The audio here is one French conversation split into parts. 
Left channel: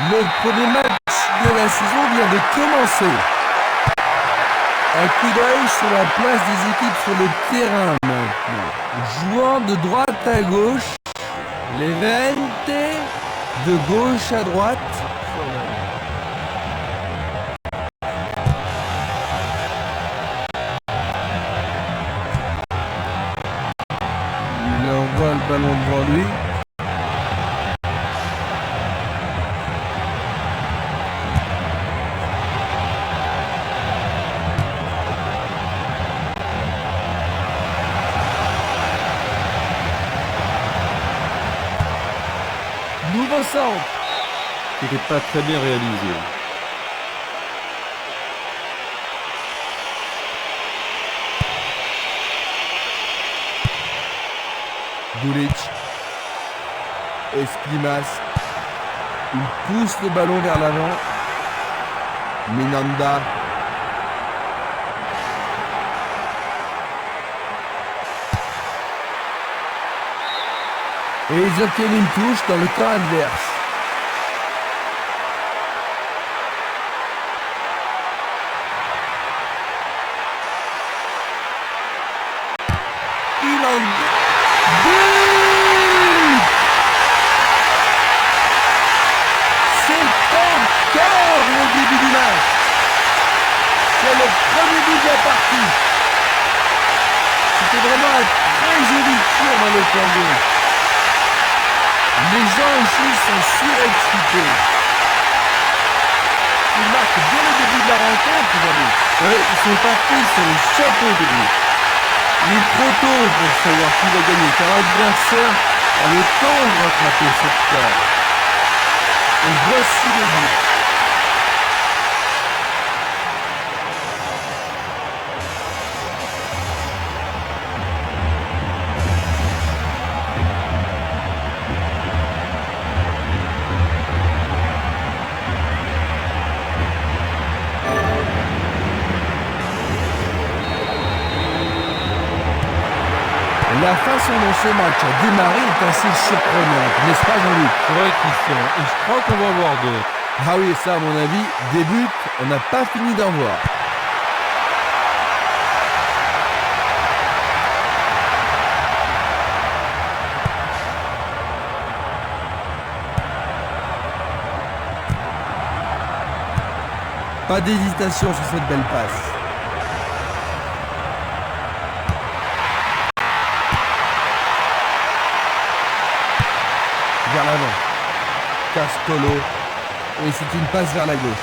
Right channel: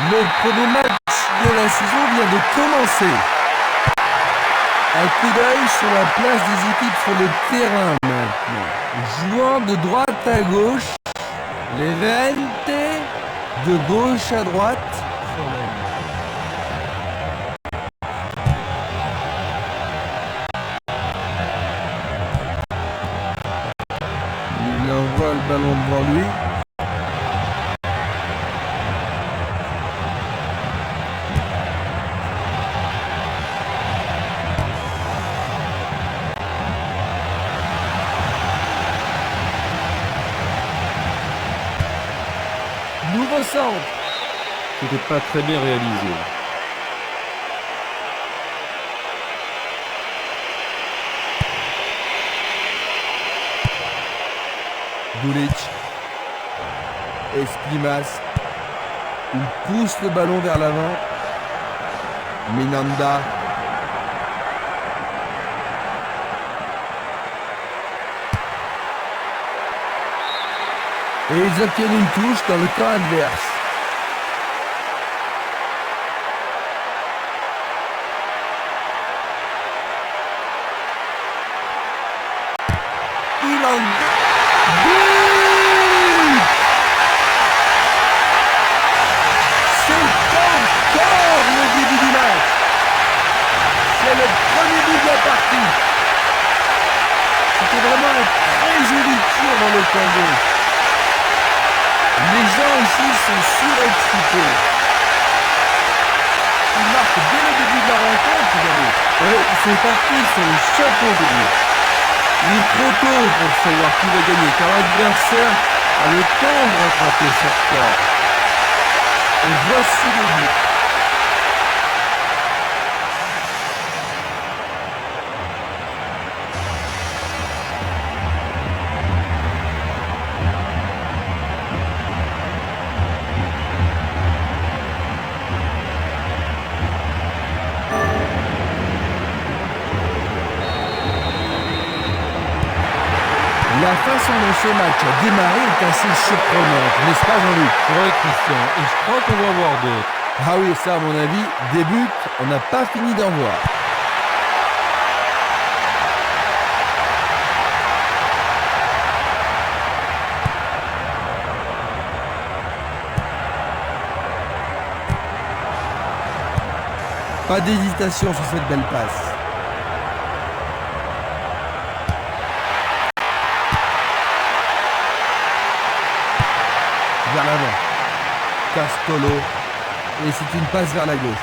Le premier match de la saison vient de commencer. Un coup d'œil sur la place des équipes sur le terrain maintenant. Jouant de droite à gauche, les Levante de gauche à droite. Il envoie le ballon devant lui. Nouveau centre. C'était pas très bien réalisé. Gulic. Esprimas. Il pousse le ballon vers l'avant. Minanda. Et ils obtiennent une touche dans le camp adverse. Il en but! C'est encore le début du match. C'est le premier but de la partie. C'était vraiment un très joli tir dans le camp gauche. Les gens ici sont surexcités. Ils marquent dès le début de la rencontre, vous avez. Ouais, ils sont partis sur le chapeau de roue. Il est trop tôt pour savoir qui va gagner, car l'adversaire a le temps de rattraper sa retard. Et voici le but. La façon dont ce match a démarré est assez surprenante, n'est-ce pas Jean-Luc? C'est vrai, Christian, et je crois qu'on va en voir d'autres. Ah oui, ça à mon avis, des buts, on n'a pas fini d'en voir. Pas d'hésitation sur cette belle passe. Vers l'avant. Castolo. Et c'est une passe vers la gauche.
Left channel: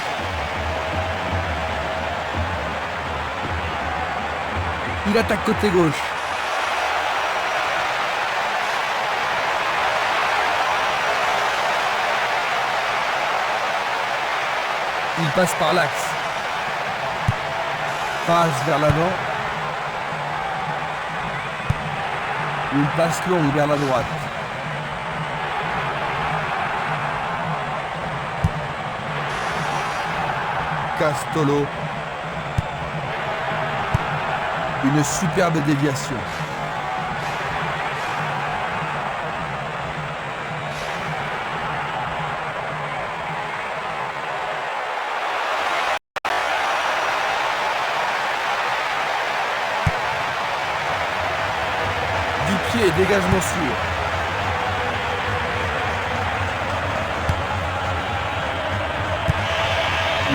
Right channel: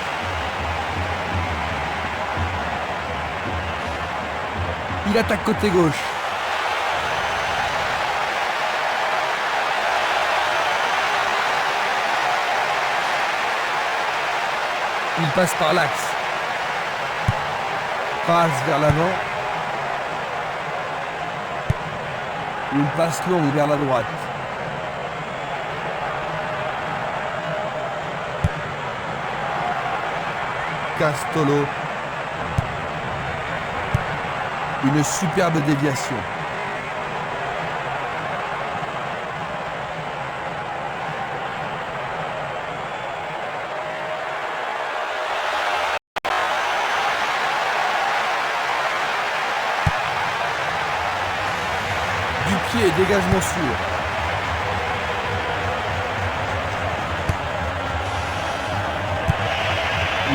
Il attaque côté gauche. Il passe par l'axe. Passe vers l'avant. Une passe longue vers la droite. Castolo. Une superbe déviation. Du pied, dégagement sûr.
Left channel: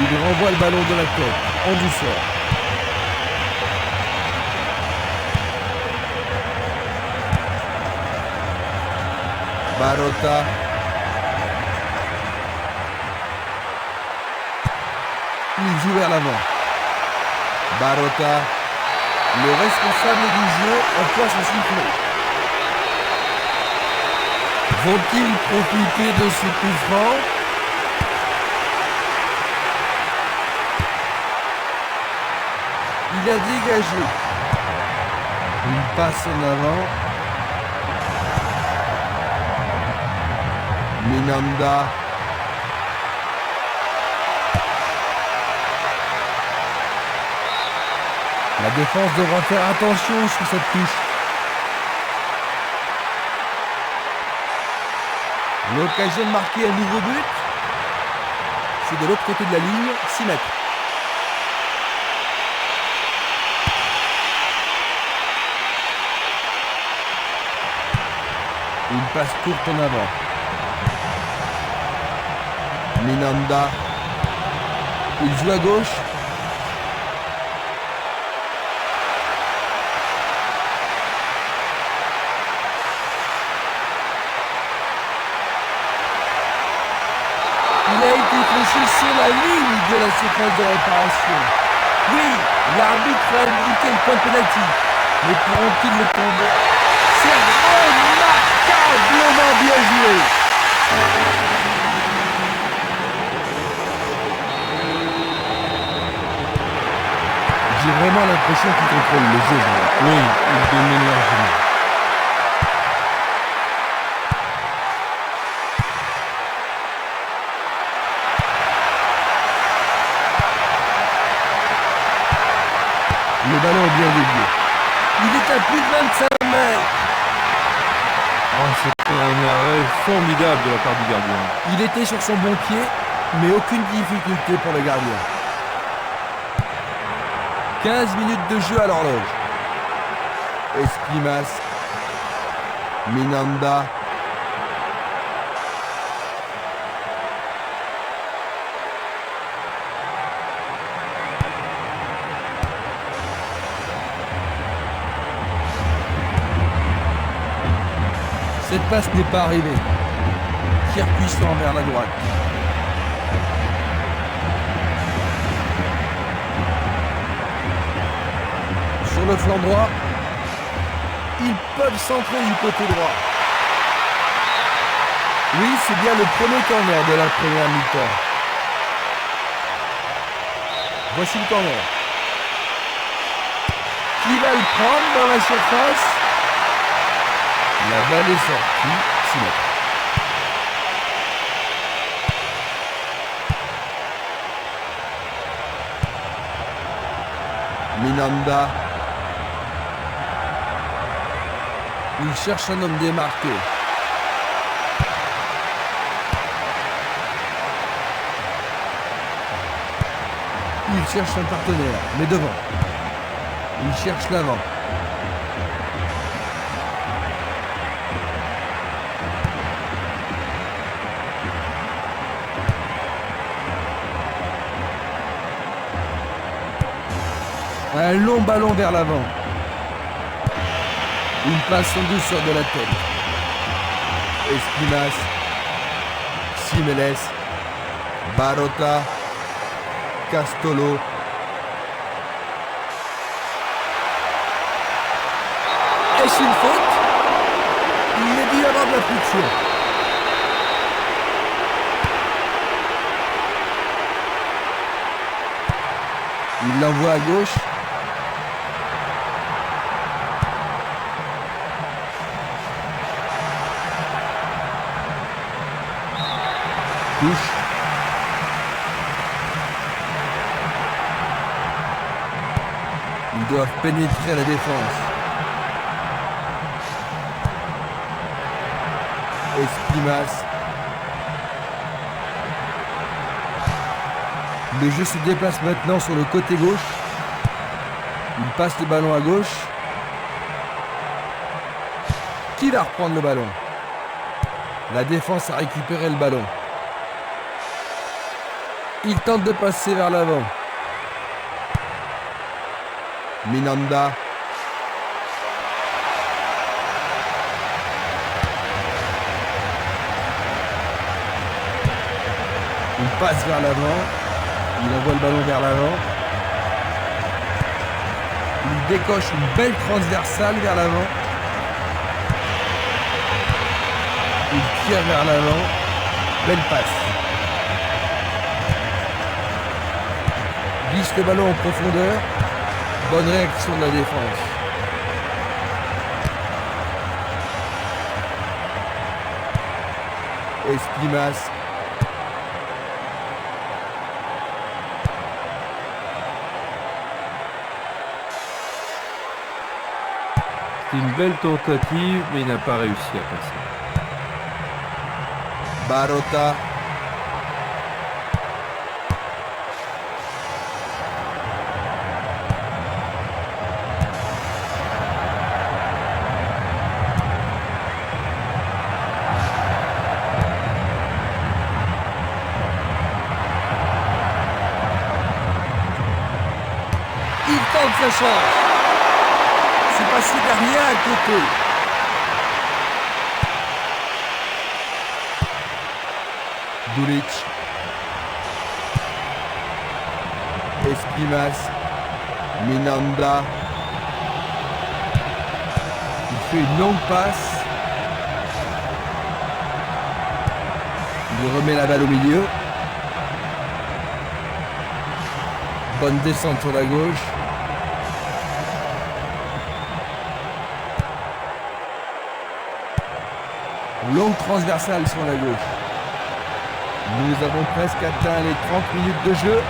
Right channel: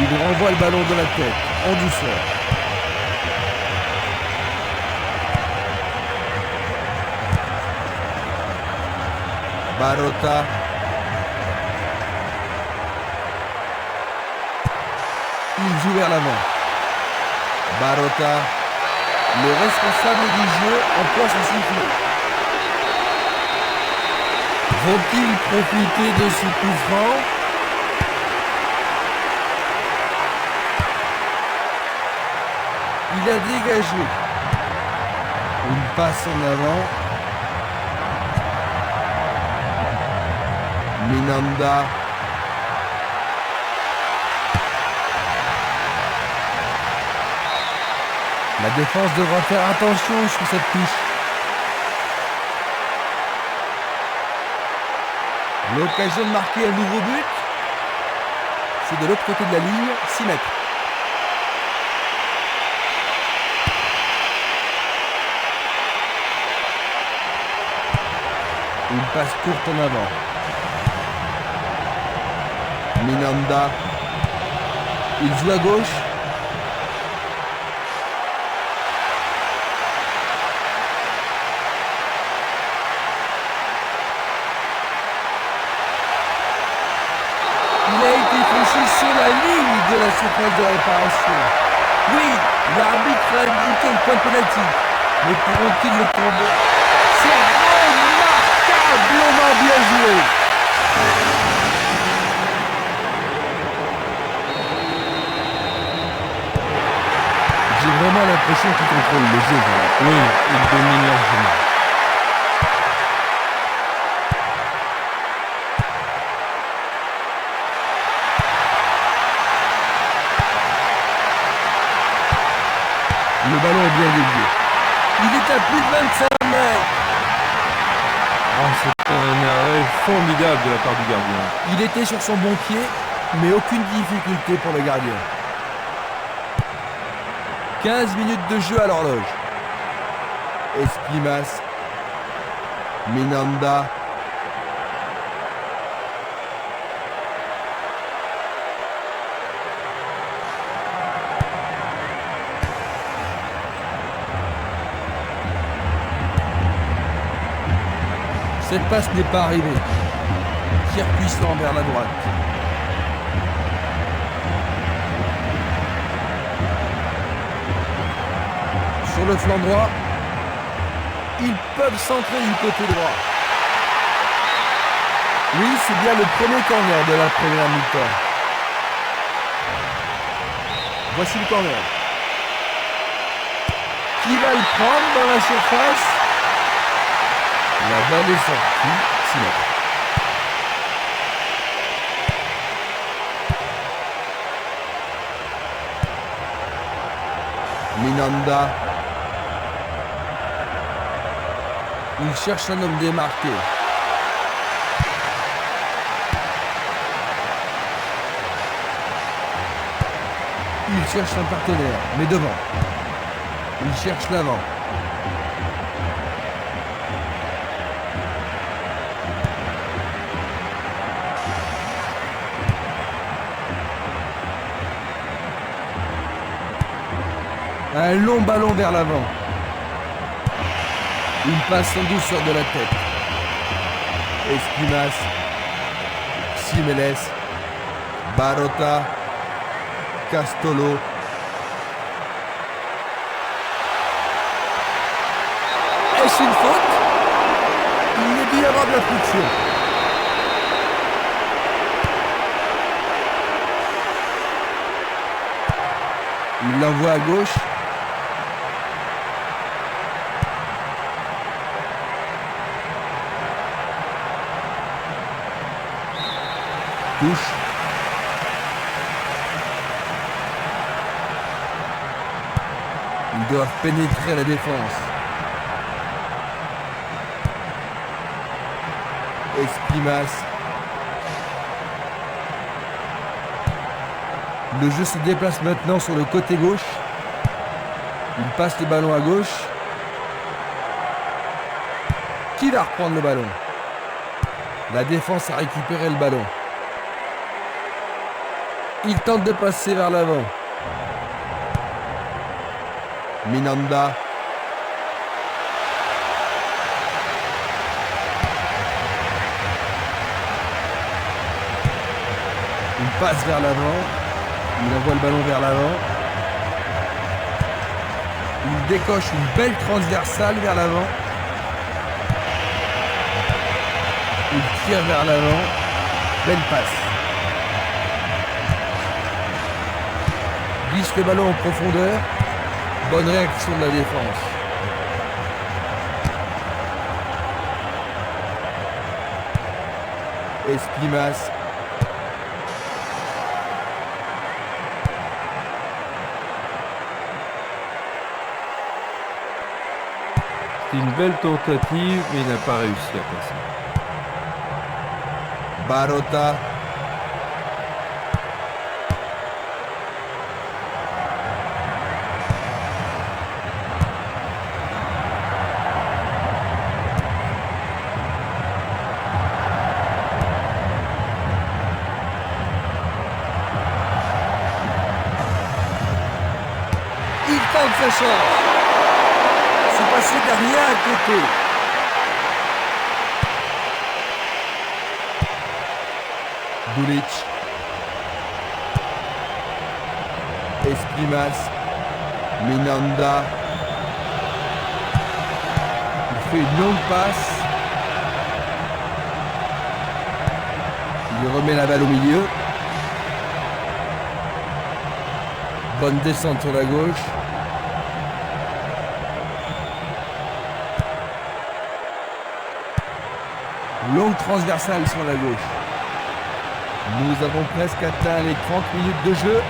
Il renvoie le ballon de la tête, en douceur. Barota. Il joue vers l'avant. Barota. Le responsable du jeu emploie son sifflet. Vont-ils profiter de ce coup franc? Il a dégagé. Une passe en avant. Minanda. La défense devra faire attention sur cette touche. L'occasion de marquer un nouveau but. C'est de l'autre côté de la ligne, 6 mètres. Une passe courte en avant. Minanda. Il joue à gauche. Il a été fléché sur la ligne de la surface de réparation. Oui, l'arbitre a indiqué le point de pénalty. Mais pourront-ils le tomber? C'est remarquablement bien joué. J'ai vraiment l'impression qu'il contrôle le jeu. Oui, il domine largement. Le ballon est bien dévié. Il est à plus de 25 mètres. Oh, c'est un arrêt formidable de la part du gardien. Il était sur son bon pied, mais aucune difficulté pour le gardien. 15 minutes de jeu à l'horloge. Esprimas. Minanda. Cette passe n'est pas arrivée. Tir puissant vers la droite. Sur le flanc droit, ils peuvent centrer du côté droit. Oui, c'est bien le premier corner de la première mi-temps. Voici le corner. Qui va le prendre dans la surface? La balle est sortie, 6 mètres. Minanda. Il cherche un homme démarqué. Il cherche un partenaire, mais devant. Il cherche l'avant. Un long ballon vers l'avant. Une passe en douceur de la tête. Esprimas. Simeles. Barota. Castolo. Est-ce une faute? Il est dû y avoir de la friction. Il l'envoie à gauche. Touche. Ils doivent pénétrer la défense. Esprimas. Le jeu se déplace maintenant sur le côté gauche. Il passe le ballon à gauche. Qui va reprendre le ballon? La défense a récupéré le ballon. Il tente de passer vers l'avant. Minanda. Il passe vers l'avant. Il envoie le ballon vers l'avant. Il décoche une belle transversale vers l'avant. Il tire vers l'avant. Belle passe. Glisse le ballon en profondeur. Bonne réaction de la défense. Esprimas. C'est une belle tentative, mais il n'a pas réussi à passer. Barota. Il tente sa chance. C'est passé derrière à côté. Dulic. Esquimas. Minanda. Il fait une longue passe. Il remet la balle au milieu. Bonne descente sur la gauche. Longue transversale sur la gauche. Nous avons presque atteint les 30 minutes de jeu.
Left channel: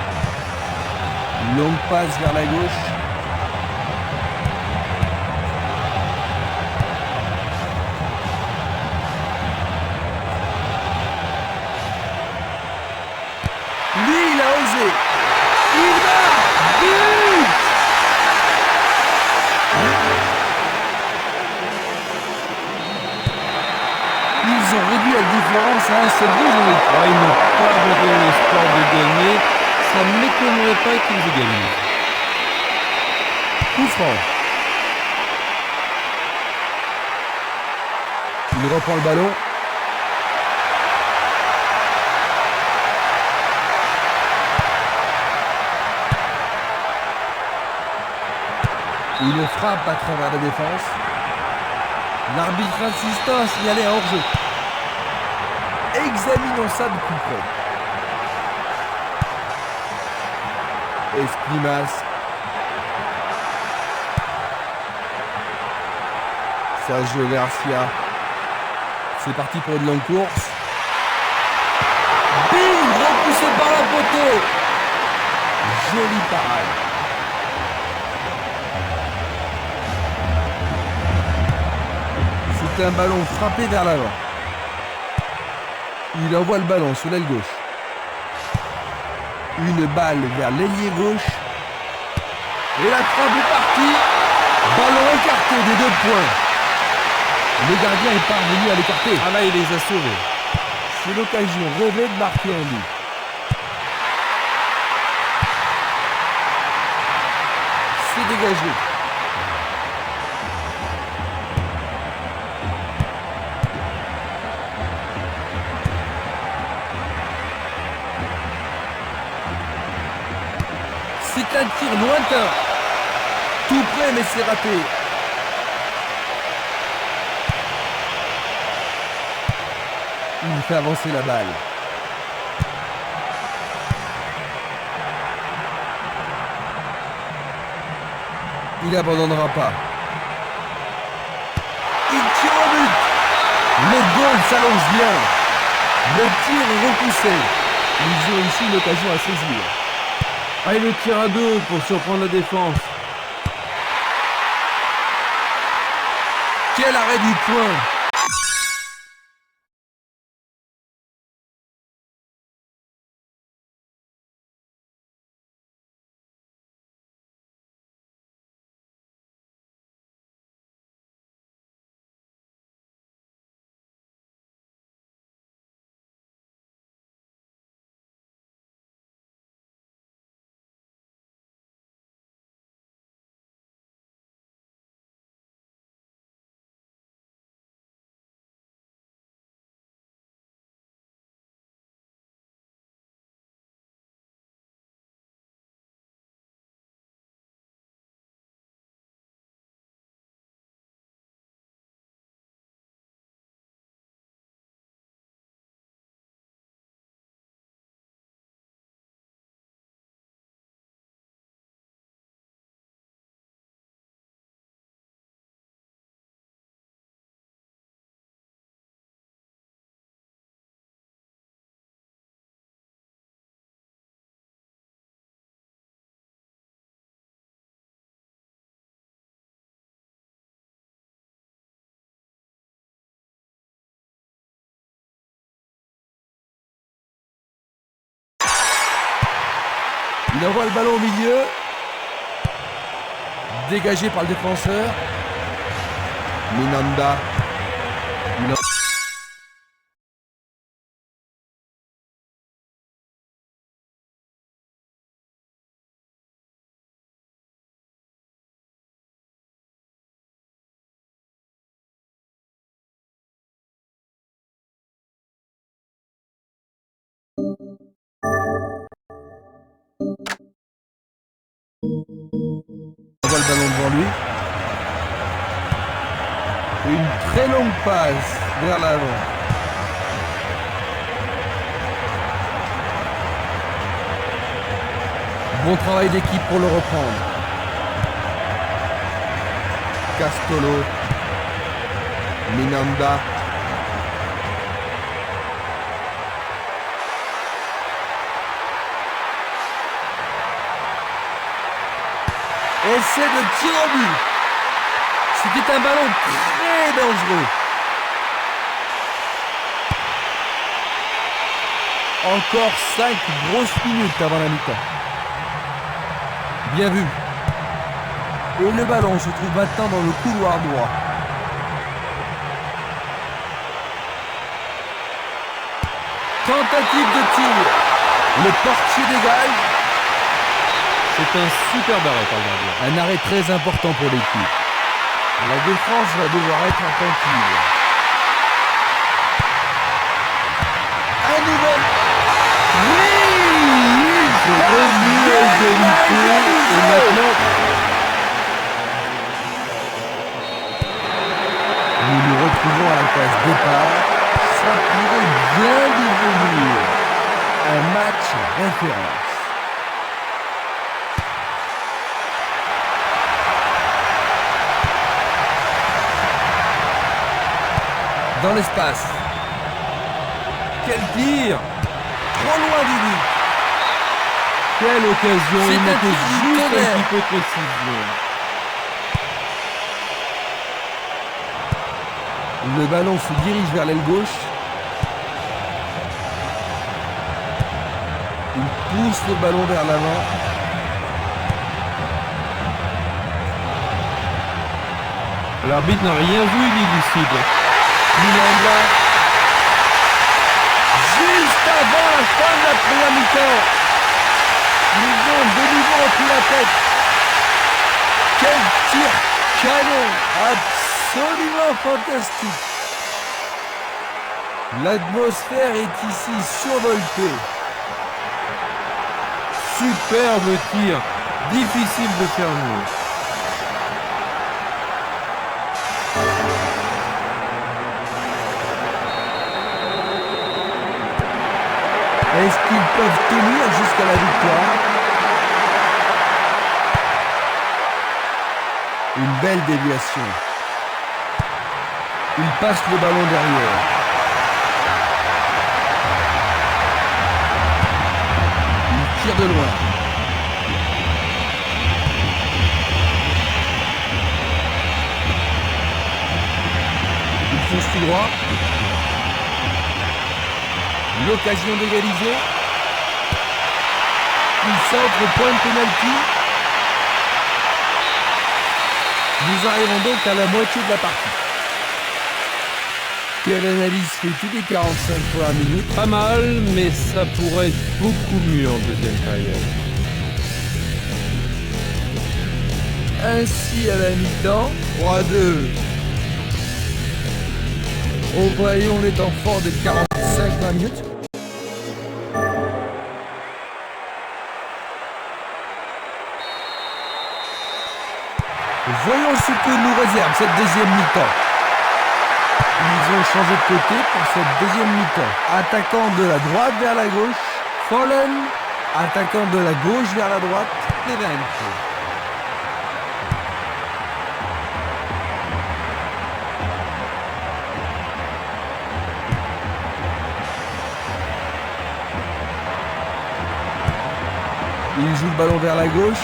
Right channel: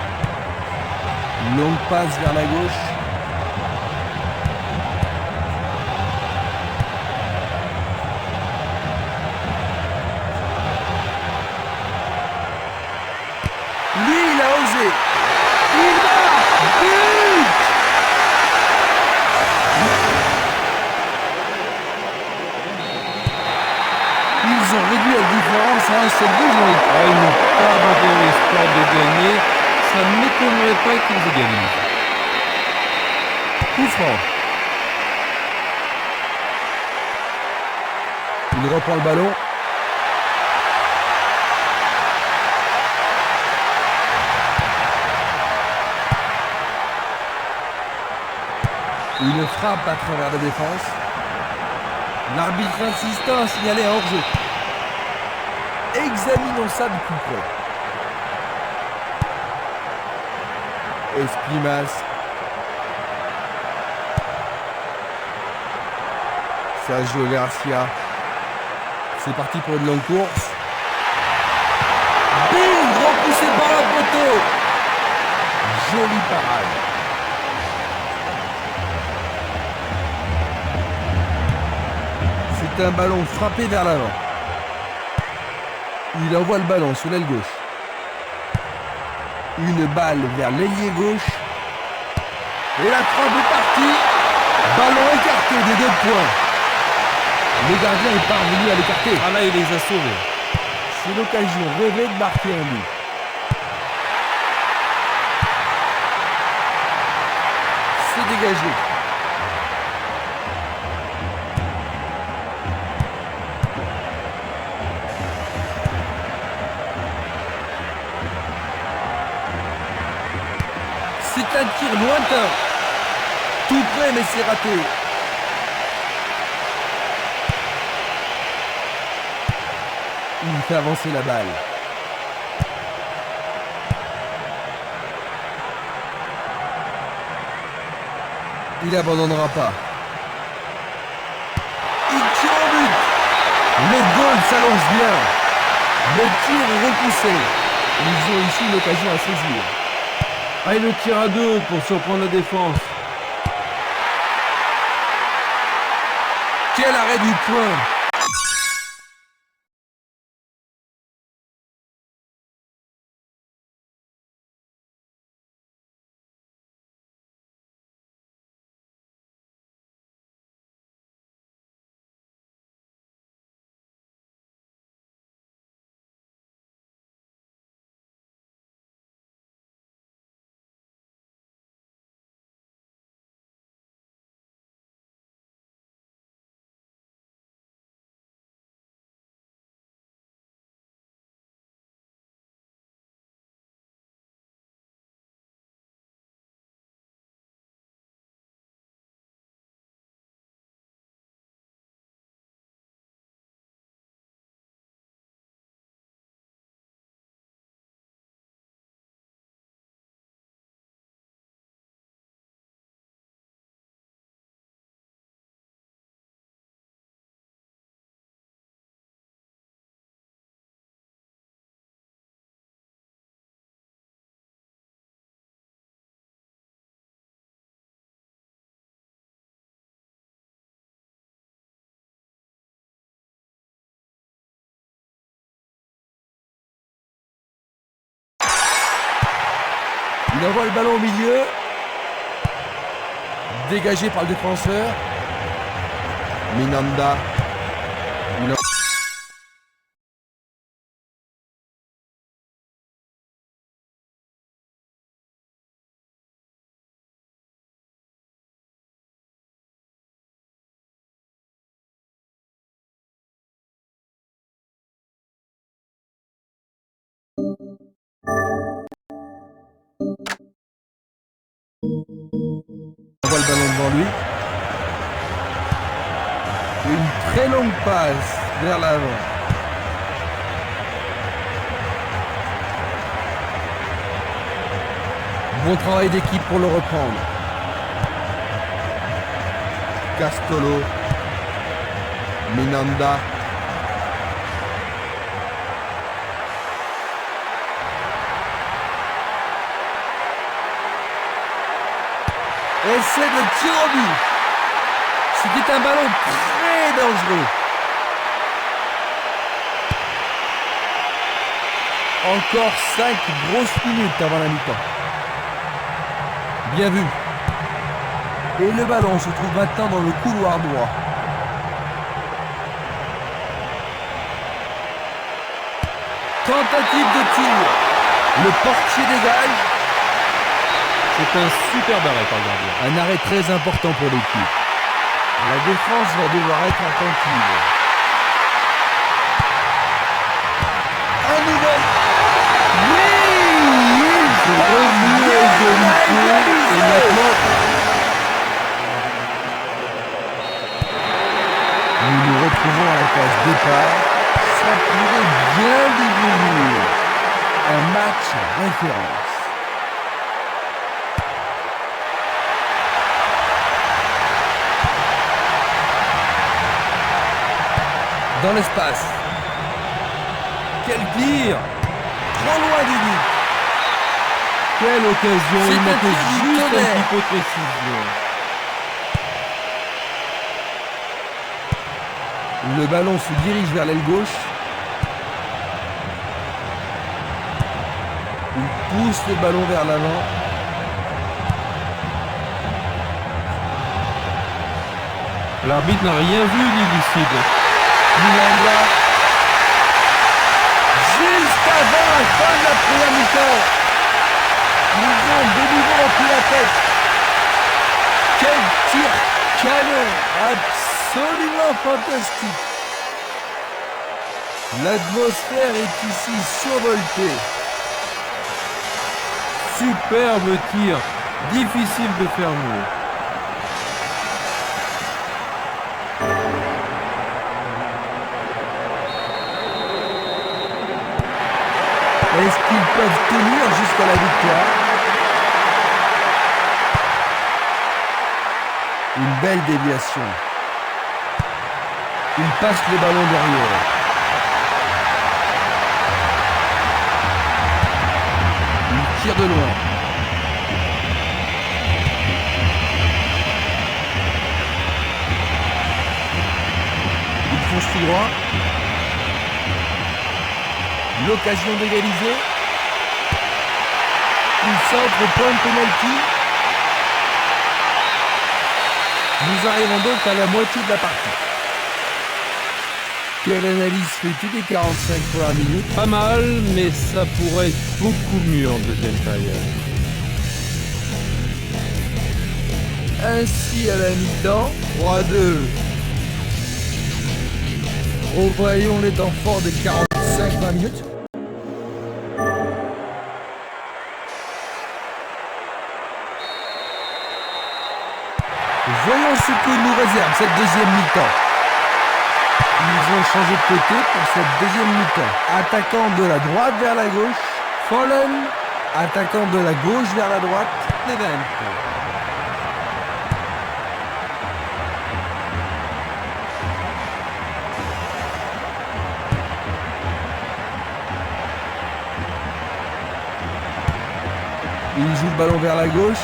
Longue passe vers la gauche. Lui, il a osé. Il marque. But! Ils ont réduit la différence à un seul but, Jean-Luc. Ah, ils n'ont pas abandonné l'espoir de gagner. Ça ne m'étonnerait pas qu'ils aient gagné. Coup franc. Il reprend le ballon. Une frappe à travers la défense. L'arbitre insistant à signaler un hors-jeu. Examinons ça de plus près. Esquimas. Sergio Garcia. C'est parti pour une longue course. Bing, repoussé par la poteau. Jolie parade. C'est un ballon frappé vers l'avant. Il envoie le ballon sur l'aile gauche. Une balle vers l'ailier gauche. Et la frappe est partie. Ballon écarté des 2 points. Le gardien est parvenu à l'écarter. Ah là, il les a sauvés. C'est l'occasion rêvée de marquer un but. C'est dégagé. C'est un tir lointain. Tout près, mais c'est raté. Il fait avancer la balle. Il n'abandonnera pas. Il tire au but. Le goal s'allonge bien. Le tir est repoussé. Ils ont ici une occasion à saisir. Ah, et le tir à 2 pour surprendre la défense. Quel arrêt du point. Il envoie le ballon au milieu. Dégagé par le défenseur. Minanda. On voit le ballon devant lui. Une très longue passe vers l'avant. Bon travail d'équipe pour le reprendre. Castolo. Minanda. Essai de tir au but. C'était un ballon très dangereux. Encore 5 grosses minutes avant la mi-temps. Bien vu. Et le ballon se trouve maintenant dans le couloir droit. Tentative de tir. Le portier dégage. C'est un superbe arrêt par le gardien. Un arrêt très important pour l'équipe. La défense va devoir être attentive. Un nouvel. Oui, C'est revenu à égalité et maintenant nous nous retrouvons à la case départ. Ça pourrait bien devenir un match référence. Dans l'espace. Quel tir! Trop loin du but. quelle occasion, C'est il un manquait tir du juste un tonnerre. petit peu de précision. Le ballon se dirige vers l'aile gauche. Il pousse le ballon vers l'avant. L'arbitre n'a rien vu d'illicite. Minanda. Juste avant la fin de la première mi-temps. Ils ont de nouveau repris la tête. Quel tir canon! Absolument fantastique. L'atmosphère est ici survoltée. Superbe tir. Difficile de faire mieux. Est-ce qu'ils peuvent tenir jusqu'à la victoire? Une belle déviation. Il passe le ballon derrière. Il tire de loin. Il fonce tout droit. L'occasion d'égaliser. Il centre au point de pénalty. Nous arrivons donc à la moitié de la partie. Quelle analyse fais-tu des 45 premières minutes? Pas mal, mais ça pourrait être beaucoup mieux en deuxième période. Ainsi à la mi-temps, 3-2. Revoyons les temps forts des 45 minutes. Voyons ce que nous réserve cette deuxième mi-temps. Ils ont changé de côté pour cette deuxième mi-temps. Attaquant de la droite vers la gauche, Fallen. Attaquant de la gauche vers la droite, Levent. Il joue le ballon vers la gauche.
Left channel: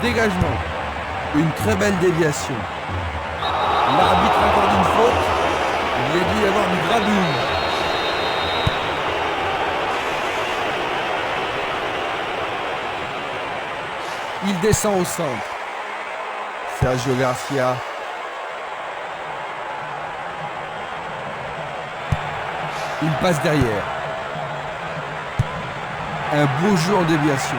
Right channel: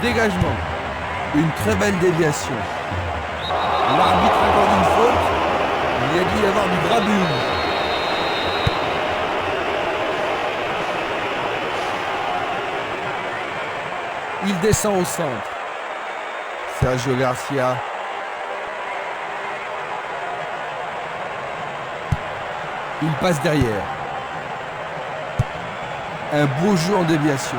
Dégagement. Une très belle déviation. L'arbitre accorde une faute. Il y a dû y avoir du grabuge. Il descend au centre. Sergio Garcia. Il passe derrière. Un beau jeu en déviation.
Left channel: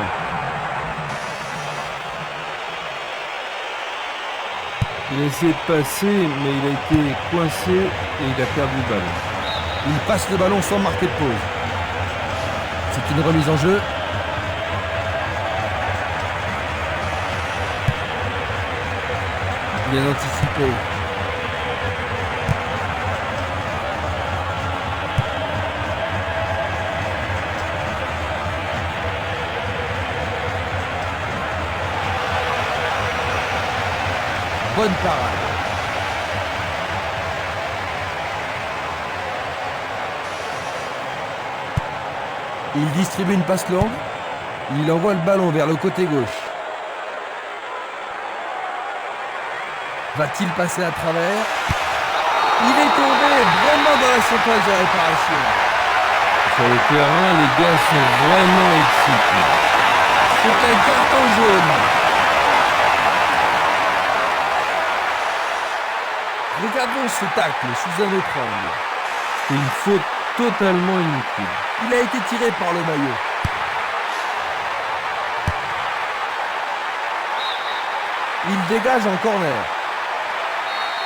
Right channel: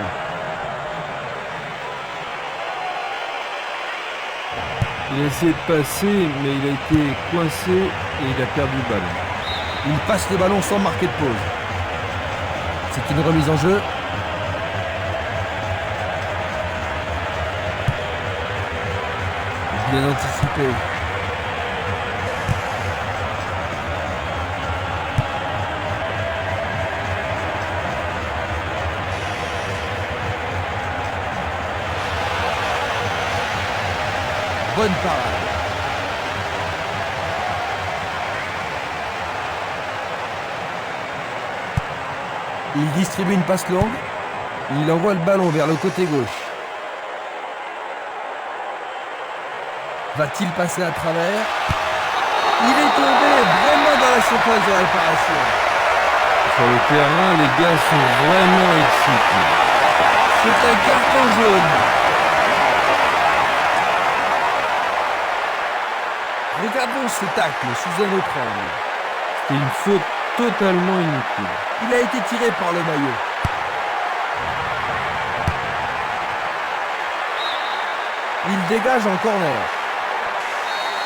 Il a essayé de passer, mais il a été coincé et il a perdu le ballon. Il passe le ballon sans marquer de pause. C'est une remise en jeu. Bien anticipé. Bonne parade. Il distribue une passe longue. Il envoie le ballon vers le côté gauche. Va-t-il passer à travers? Il est tombé vraiment dans la surface de réparation. Sur le terrain, les gars sont vraiment excités. C'est un carton jaune. Regardons ce tacle sous un autre angle. C'est une faute totalement inutile. Il a été tiré par le maillot. Il dégage en corner.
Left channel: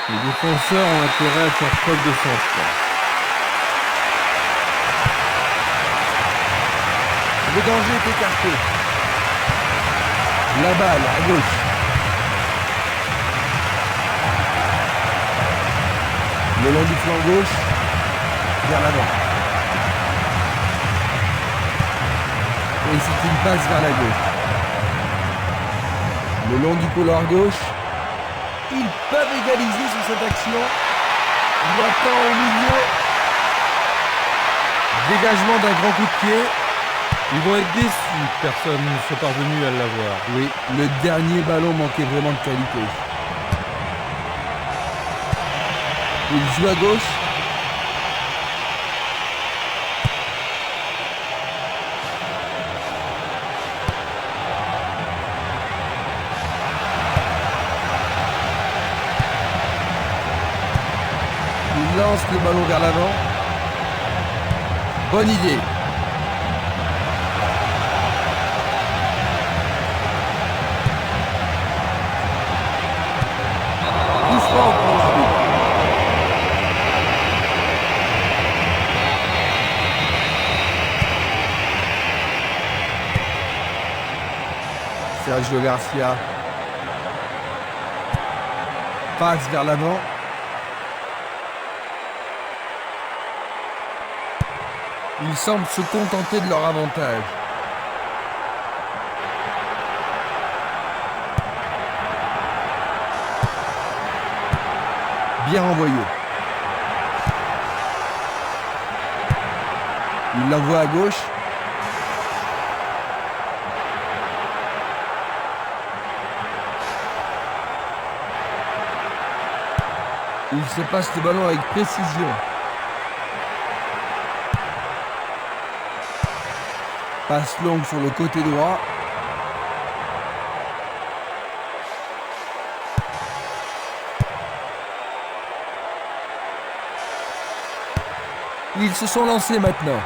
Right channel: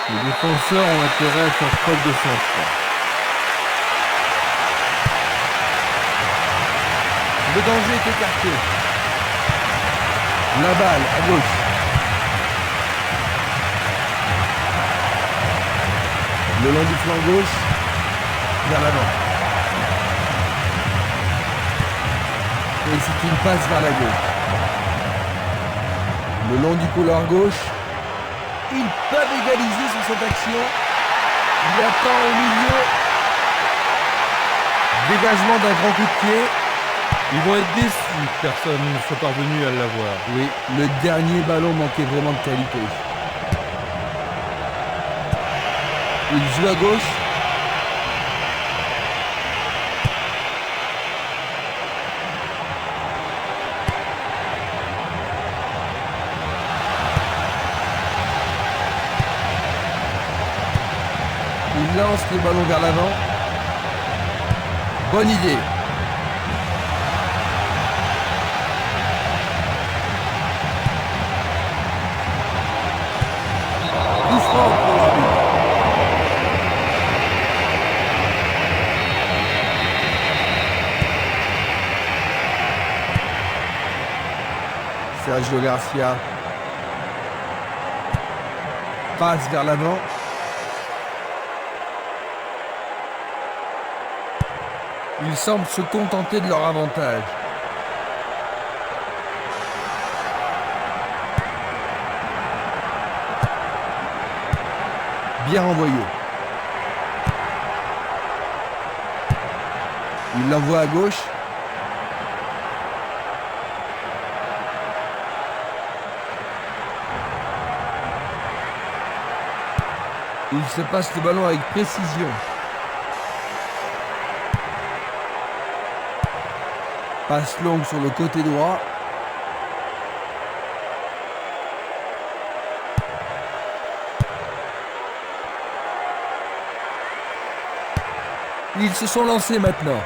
Les défenseurs ont intérêt à faire preuve de sang-froid. Le danger est écarté. La balle à gauche. Le long du flanc gauche, vers l'avant. Et c'est une passe vers la gauche. Le long du couloir gauche. Ils peuvent égaliser sur cette action. Il attend au milieu. Dégagement d'un grand coup de pied. Ils vont être déçus que personne ne soit parvenu à l'avoir. Oui, le dernier ballon manquait vraiment de qualité. Il joue à gauche. Il lance le ballon vers l'avant. Bonne idée. Coup franc pour l'arbitre. Sergio Garcia passe vers l'avant. Ils semblent se contenter de leur avantage. Bien renvoyé. Il l'envoie à gauche. Il se passe le ballon avec précision. Passe longue sur le côté droit. Ils se sont lancés maintenant.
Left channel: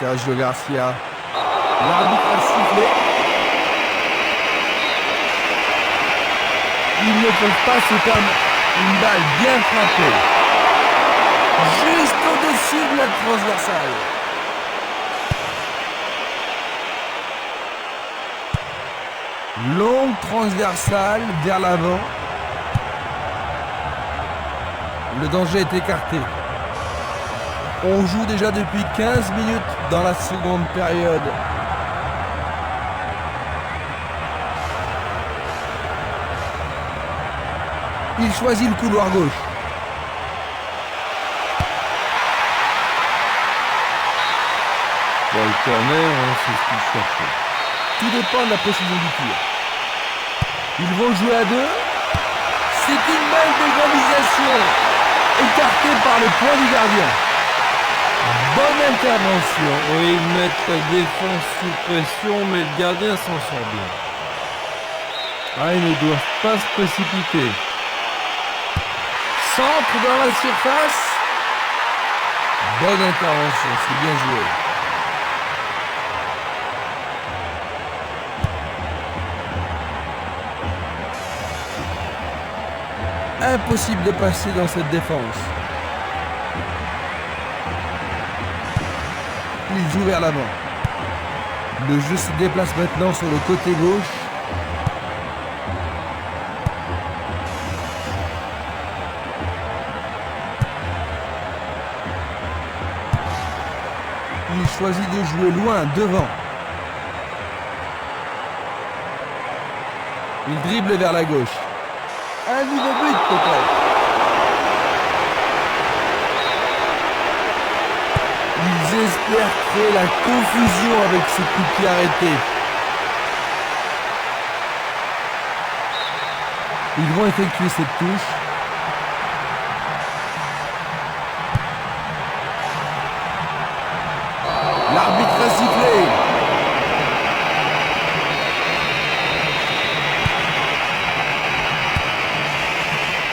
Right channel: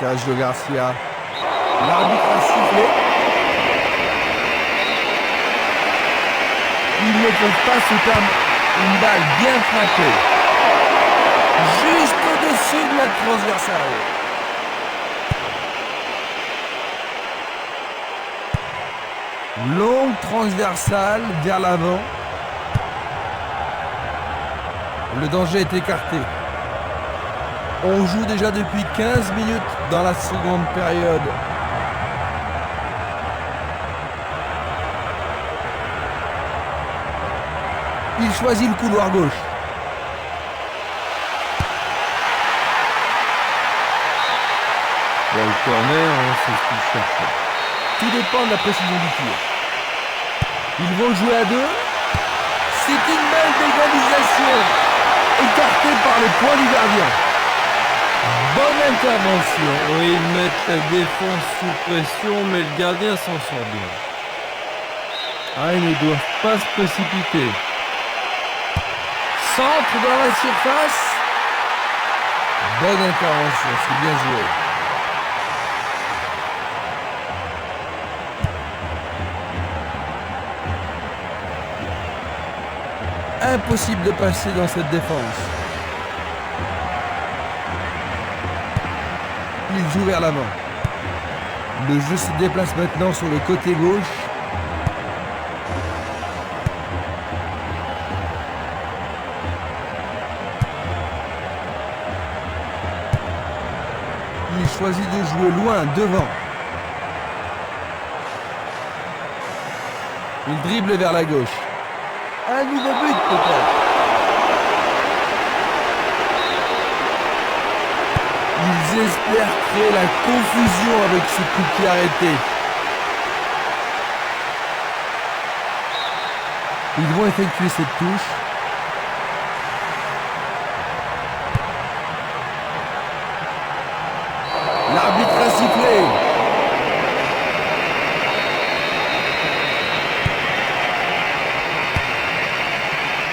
Sergio Garcia. L'arbitre a sifflé. Ils ne peuvent pas se permettre. Une balle bien frappée. Juste au-dessus de la transversale. Longue transversale vers l'avant. Le danger est écarté. On joue déjà depuis 15 minutes dans la seconde période. Il choisit le couloir gauche. Bon, le corner, c'est ce qu'il cherchait. Tout dépend de la précision du tir. Ils vont jouer à deux. C'est une balle d'égalisation. Écartée par les poings du gardien. Bonne intervention. Oui, ils mettent la défense sous pression, mais le gardien s'en sort bien. Ah, ils ne doivent pas se précipiter. Centre dans la surface. Bonne intervention, c'est bien joué. Impossible de passer dans cette défense. Il joue vers l'avant. Le jeu se déplace maintenant sur le côté gauche. Il choisit de jouer loin, devant. Il dribble vers la gauche. Un nouveau but peut-être. Ils espèrent créer la confusion avec ce coup de pied arrêté. Ils vont effectuer cette touche. L'arbitre a sifflé.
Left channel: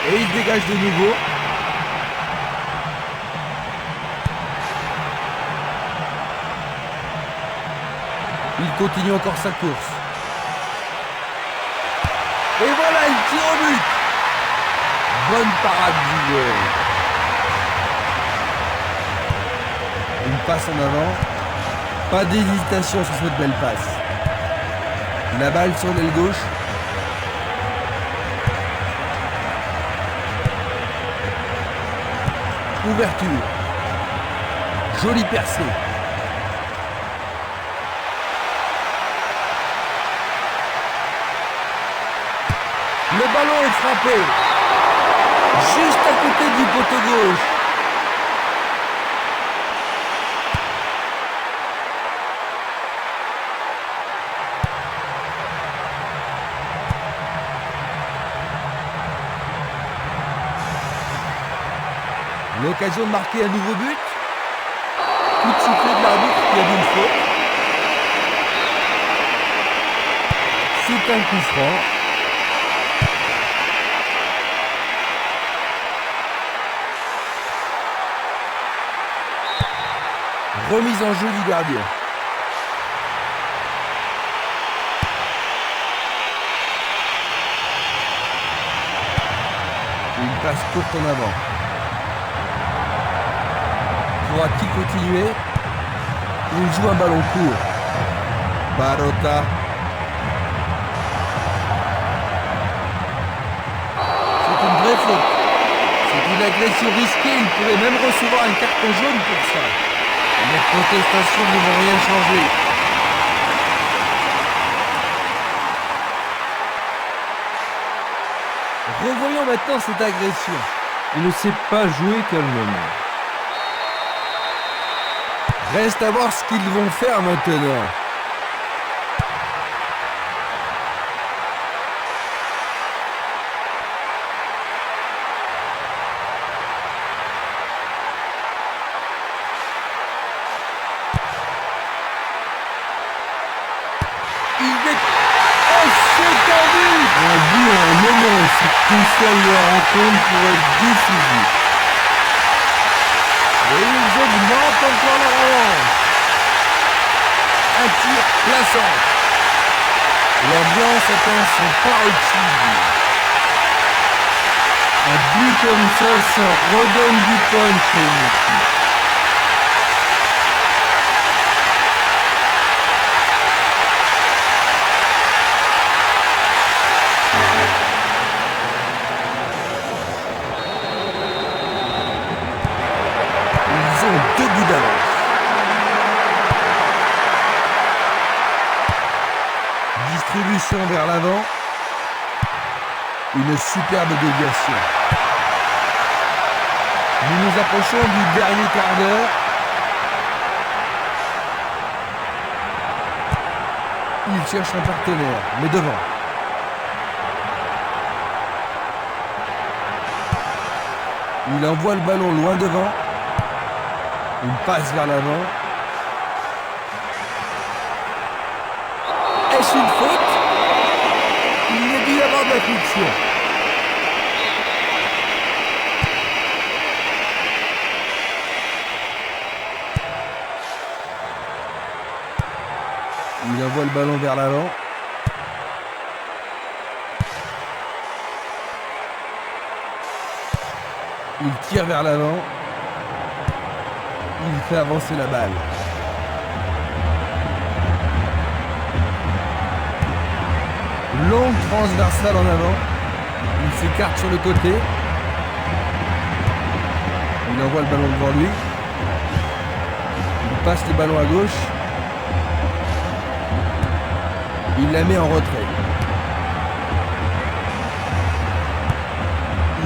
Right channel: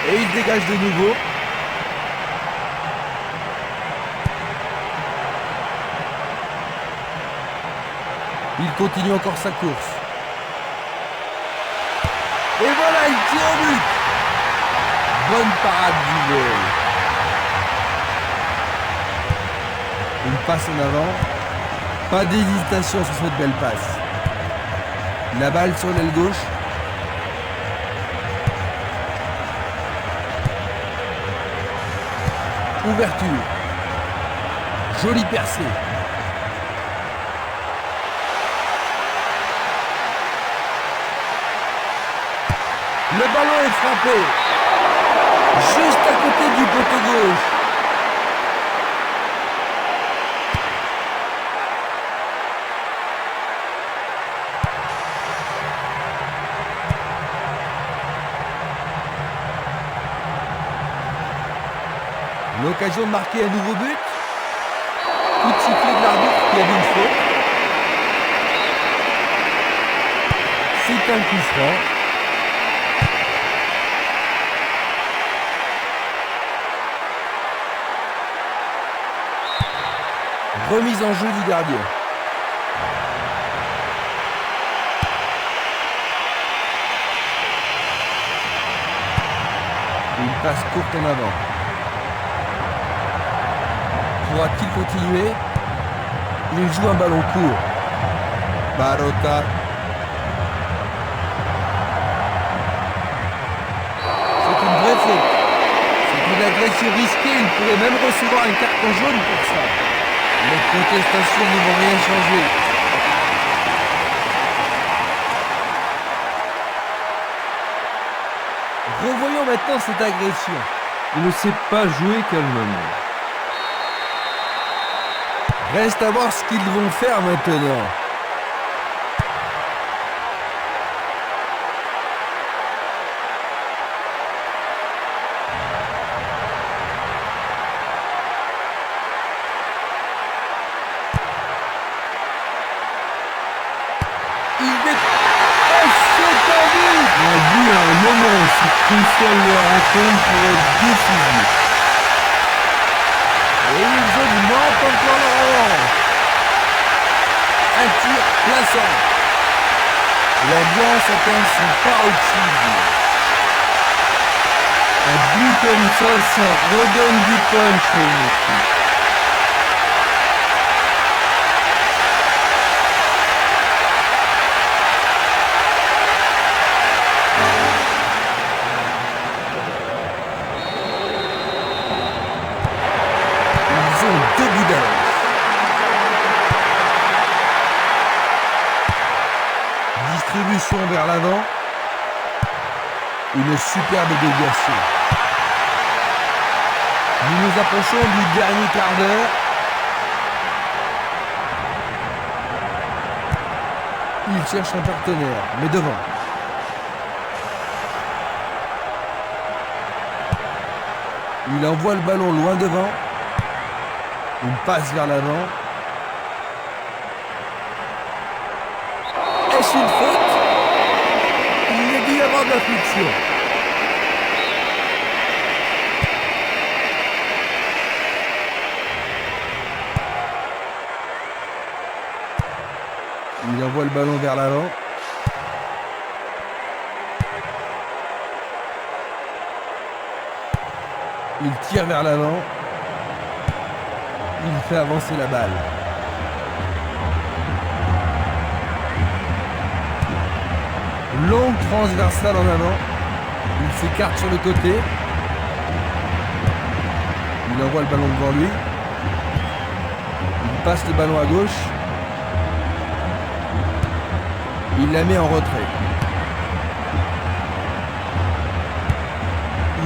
Et il dégage de nouveau. Il continue encore sa course. Et voilà, il tire au but. Bonne parade du joueur. Une passe en avant. Pas d'hésitation sur cette belle passe. La balle sur l'aile gauche. Ouverture. Jolie percée. Le ballon est frappé. Juste à côté du poteau gauche. L'occasion de marquer un nouveau but. Coup de sifflet de l'arbitre qui a vu une faute. C'est un coup franc. Remise en jeu du gardien. Une passe courte en avant. Pourra-t-il continuer? Il joue un ballon court. Barota. C'est une vraie faute. C'est une agression risquée. Il pourrait même recevoir un carton jaune pour ça. Les protestations ne vont rien changer. Revoyons maintenant cette agression. Il ne sait pas jouer calmement. Reste à voir ce qu'ils vont faire maintenant. Un but à un moment aussi crucial de la rencontre pour être décisif. Et ils augmentent encore leur avance. Un tir plaçant. L'ambiance atteint son paroxysme. Un but comme ça redonne du punch à une équipe. Ils ont 2 buts d'avance. Distribution vers l'avant. Une superbe déviation. Nous nous approchons du dernier quart d'heure. Il cherche un partenaire, mais devant. Il envoie le ballon loin devant. Une passe vers l'avant. Est-ce une faute? Il y a dû y avoir de la friction. Il envoie le ballon vers l'avant. Il tire vers l'avant. Il fait avancer la balle. Longue transversale en avant. Il s'écarte sur le côté. Il envoie le ballon devant lui. Il passe le ballon à gauche. Il la met en retrait.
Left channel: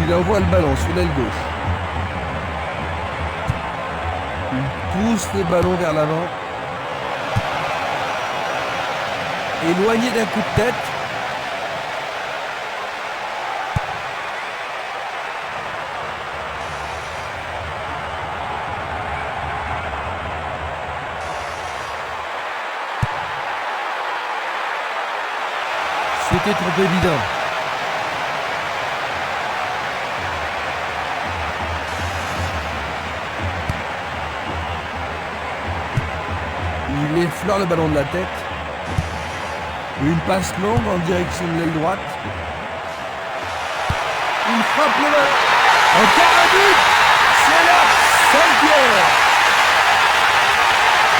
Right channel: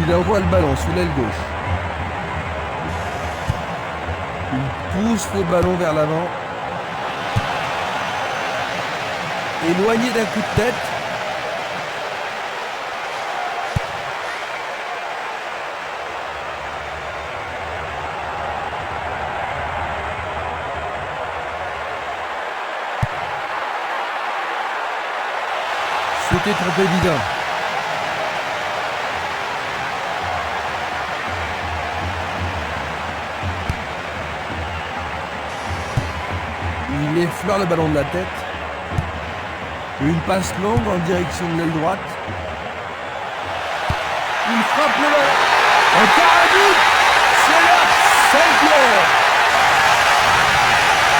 Il envoie le ballon sous l'aile gauche. Il pousse le ballon vers l'avant. Éloigné d'un coup de tête. C'était trop évident. Il effleure le ballon de la tête. Une passe longue en direction de l'aile droite. Il frappe le ballon. Encore un but. C'est leur cinquième.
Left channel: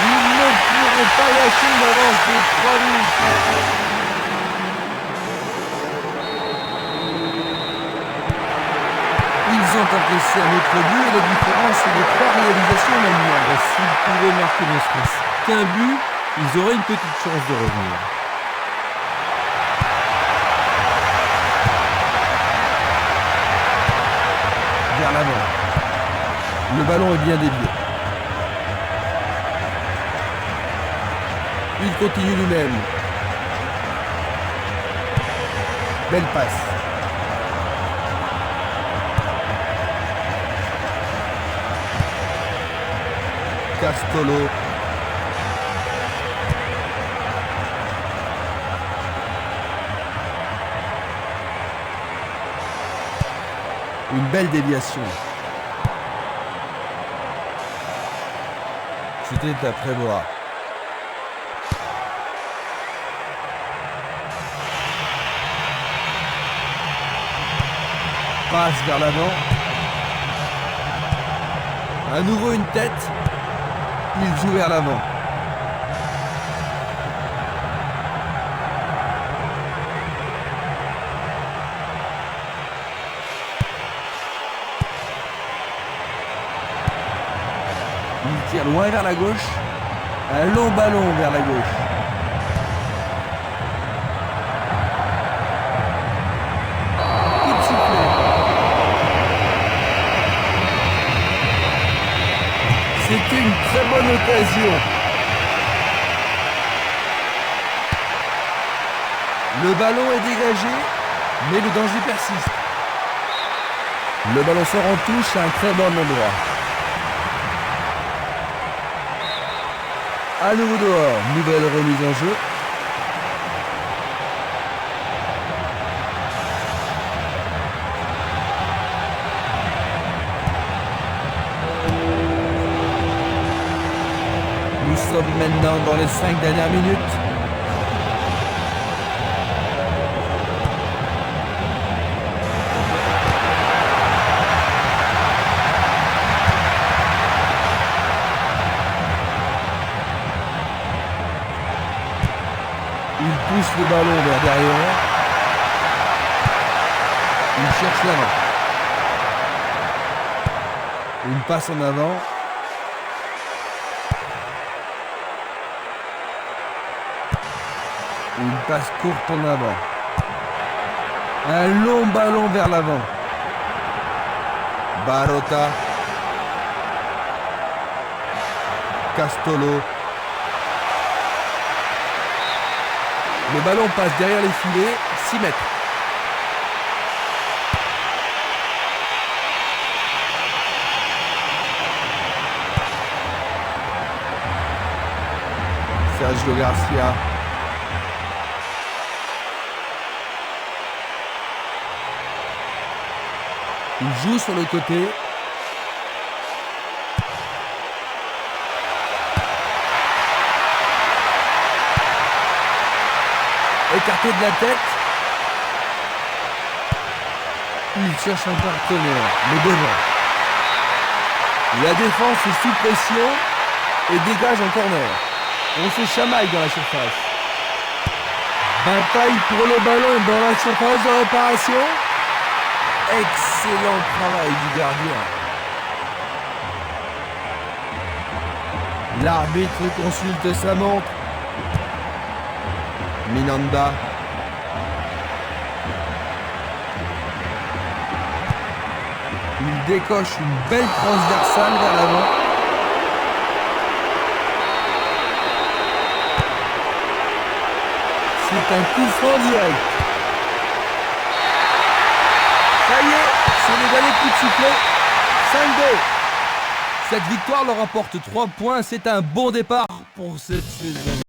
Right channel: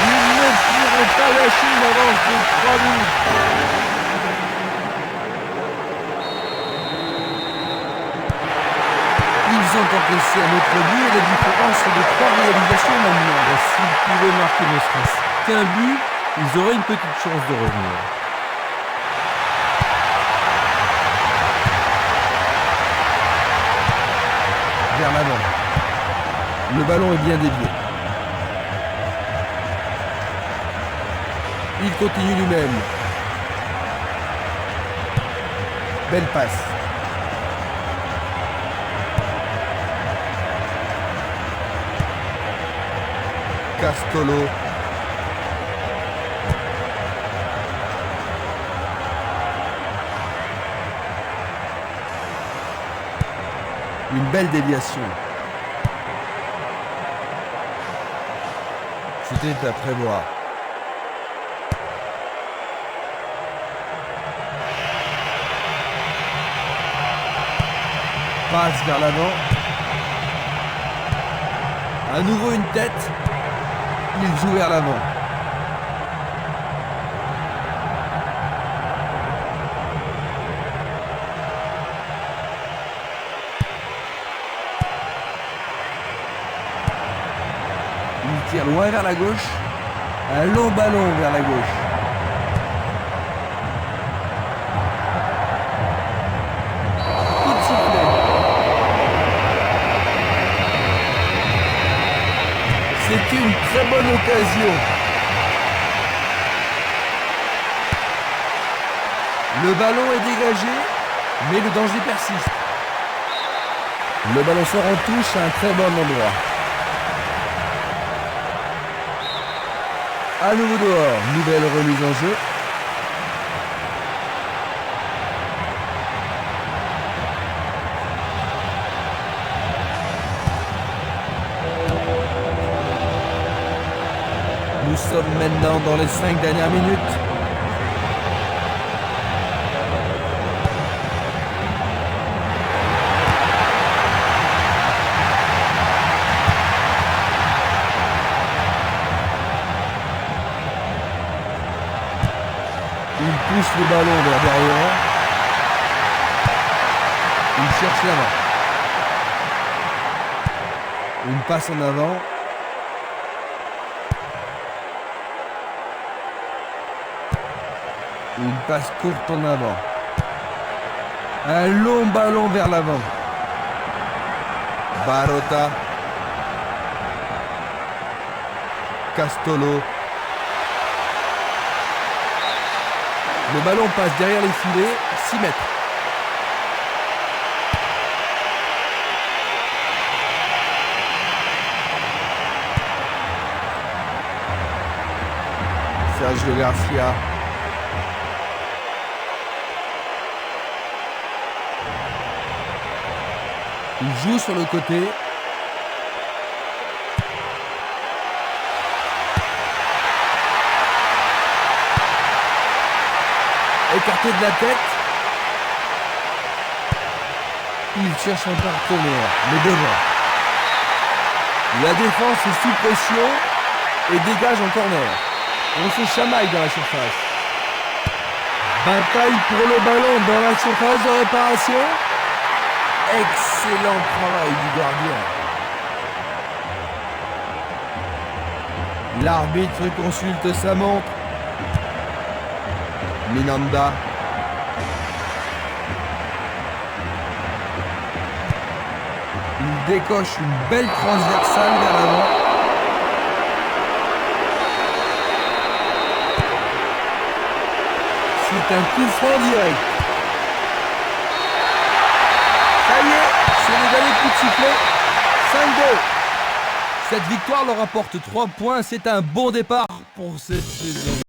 Ils ne pourront pas lâcher une avance de 3 buts. Ils ont encaissé un autre but et la différence est de 3 réalisations maintenant. Et s'ils pouvaient marquer ne serait-ce qu'un but, ils auraient une petite chance de revenir. Vers l'avant. Le ballon est bien dévié. Il continue lui-même. Belle passe. Castolo. Une belle déviation. C'était à prévoir. Passe vers l'avant. À nouveau une tête. Il joue vers l'avant. Il tire loin vers la gauche. Un long ballon vers la gauche. Coup de sifflet. C'était une très bonne occasion. Le ballon est dégagé, mais le danger persiste. Le ballon sort en touche à un très bon endroit. À nouveau dehors, nouvelle remise en jeu. Nous sommes maintenant dans les 5 dernières minutes. Il pousse le ballon vers derrière. Il cherche l'avant. Une passe en avant. Une passe courte en avant. Un long ballon vers l'avant. Barota. Castolo. Le ballon passe derrière les filets, 6 mètres. Sergio Garcia. Il joue sur le côté. Écarté de la tête. Il cherche un partenaire, mais devant. La défense est sous pression et dégage en corner. On se chamaille dans la surface. Bataille pour le ballon dans la surface de réparation. Excellent travail du gardien. L'arbitre consulte sa montre. Minanda. Il décoche une belle transversale vers l'avant. C'est un coup franc direct. Ça y est, c'est le dernier coup de sifflet. 5-2. Cette victoire leur apporte 3 points. C'est un bon départ pour cette saison.